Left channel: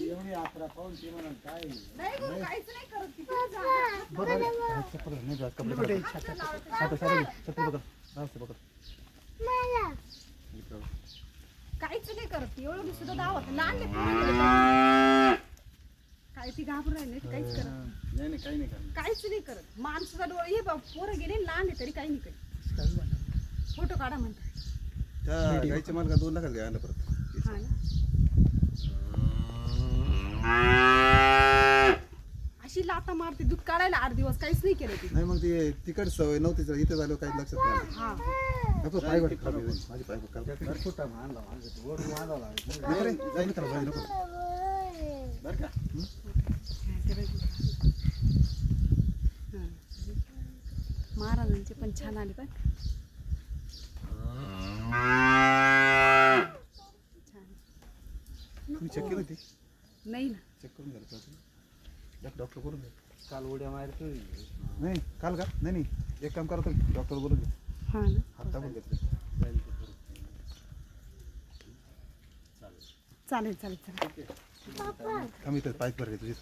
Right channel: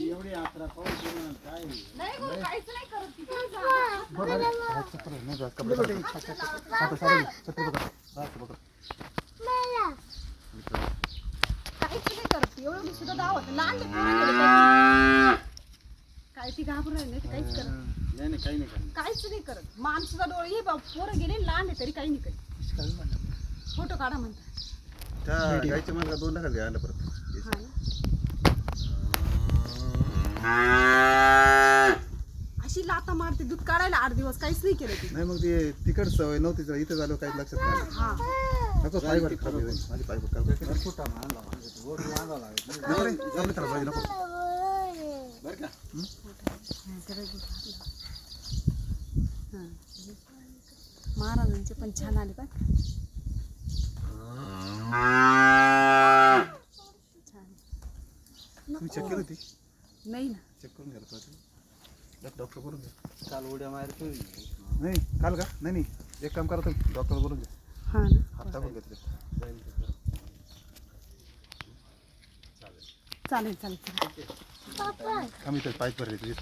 एवढी यात्रा पाहून केलं काय काहीच नाही करत एवढं सुद्धा दावत लहान काय ती घाबरून राहिली नाही काहीच करत नाही काही नाही करत काहीच नाही करत मान सुद्धा डोळे हे पोरं गेले लहान आहे तरी काही नाही करत फोटो काढा म्हणतात त्या गायच्या मार्गात 2 लाखात घ्यायला परत हा ना अशी लाता मारते दूध काढायला 8 दिवस काहीच नाही केलं ती नाही मग ते तिकड सवय नव्हती इथे झालं काही लक्षात नाही आलं. हा नको पायवर खराब आहे माझी पायवर खराब फुटा मानला ओढ बांधावं लागेल नको रे जाऊन त्याला पाहिजे नको बरं का महाराजांचे पण छान आले पण छान तुम्ही चेक केलं ते नाही ना चेक करून घ्यायला पाहिजे डॉक्टर करून घ्या काल उड्या मारतो नाही काल का नाही एक काम करा तुम्ही डॉक्टर करून घ्या हा ना हात टाकून घेतले चालेल चालेल चालेल आम्ही तर पाईप भरले तुझे